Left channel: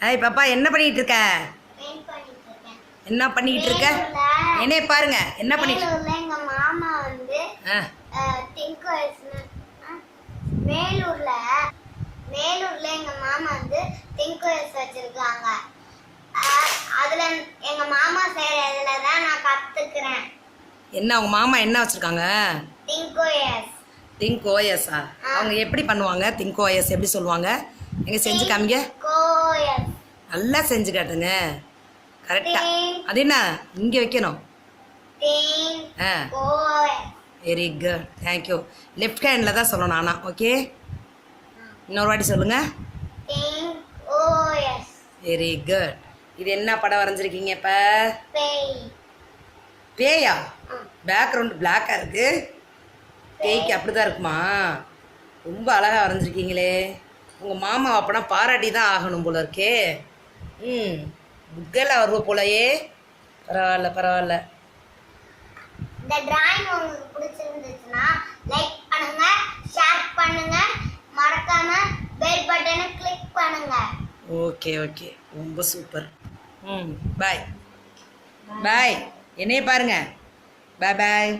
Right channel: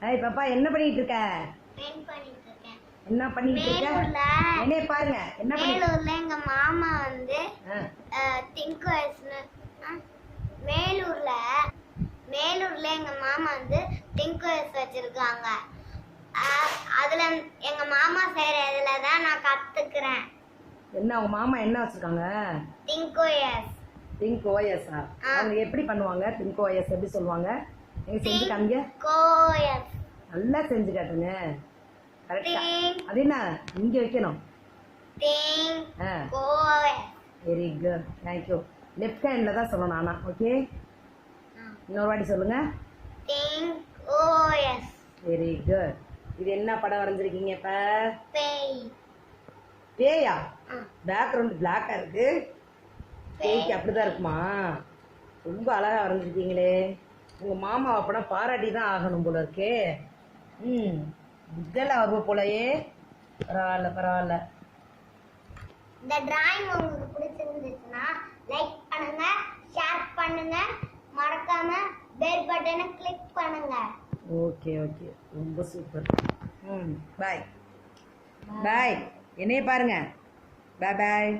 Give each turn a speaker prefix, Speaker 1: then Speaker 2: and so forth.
Speaker 1: ஏய் பாப்பா என்ன பண்ணிட்டு இருக்க என்ன பண்ணிட்டு இருக்க என்னைய பாருங்க என்ன பண்ணிட்டு
Speaker 2: எங்க மாமா வந்து
Speaker 1: ஆ.
Speaker 2: திங்க் வயசுன்னு வேலூர்ல வேலூர்ல எங்க மாமா வந்து திங்க் வயசு வச்சிருக்காங்க. அதுல எங்க மாமா செய்யற இதுல தான் நான் கத்துக்கிறேன்.
Speaker 1: என்ன அவங்க மாமா என்ன வச்சிருக்காங்க?
Speaker 2: திங்க் வயஸ்
Speaker 1: திங்க் ஓஎஸ்ஆ அவங்க எப்படி பண்ணுவாங்க? திங்க் ஓஎஸ் எப்படி சொல்லுவாங்க? எங்க செஞ்சு காமிங்க. நல்லா செஞ்சு காட்டுங்க. கரெக்டா அது என்ன? இங்க வைக்கணும். ஆ. Very good thank you left handle தான் சொல்லணும் ஆனால் ஓகே இன்னொரு வாட்டி சொல்லுங்க.
Speaker 2: திங்க் ஓஎஸ்
Speaker 1: வெரி குட் இது என்ன படம் வரைஞ்சிருக்கீங்க இப்போ?
Speaker 2: பேய்.
Speaker 1: பேக்ரவுண்ட் பிளாக்காக இருக்கு. பேய்க்கு அப்படி தான் இருக்குமா? ரொம்ப அழகாக வரைஞ்சிருக்கீங்களே. உங்கள் மாமா அப்பனா பாராட்டி தான் ஆகணும் போல இருக்கே. ம் புக்கெல்லாம் வருவ போலயே. பரவாயில்ல பரவாயில்ல.
Speaker 2: இந்த டிராயிங் உங்களுக்கு பிடிச்சிருந்துச்சுன்னா லைக் பண்ணுங்க ஷேர் பண்ணுங்க மறக்காம பெல் பட்டனை கிளிக் பண்ணுங்க.
Speaker 1: ஓகே ஓகே ரொம்ப சூப்பர் ம் பாய் பாய் என்னைய பாருங்க. பாய் பாய்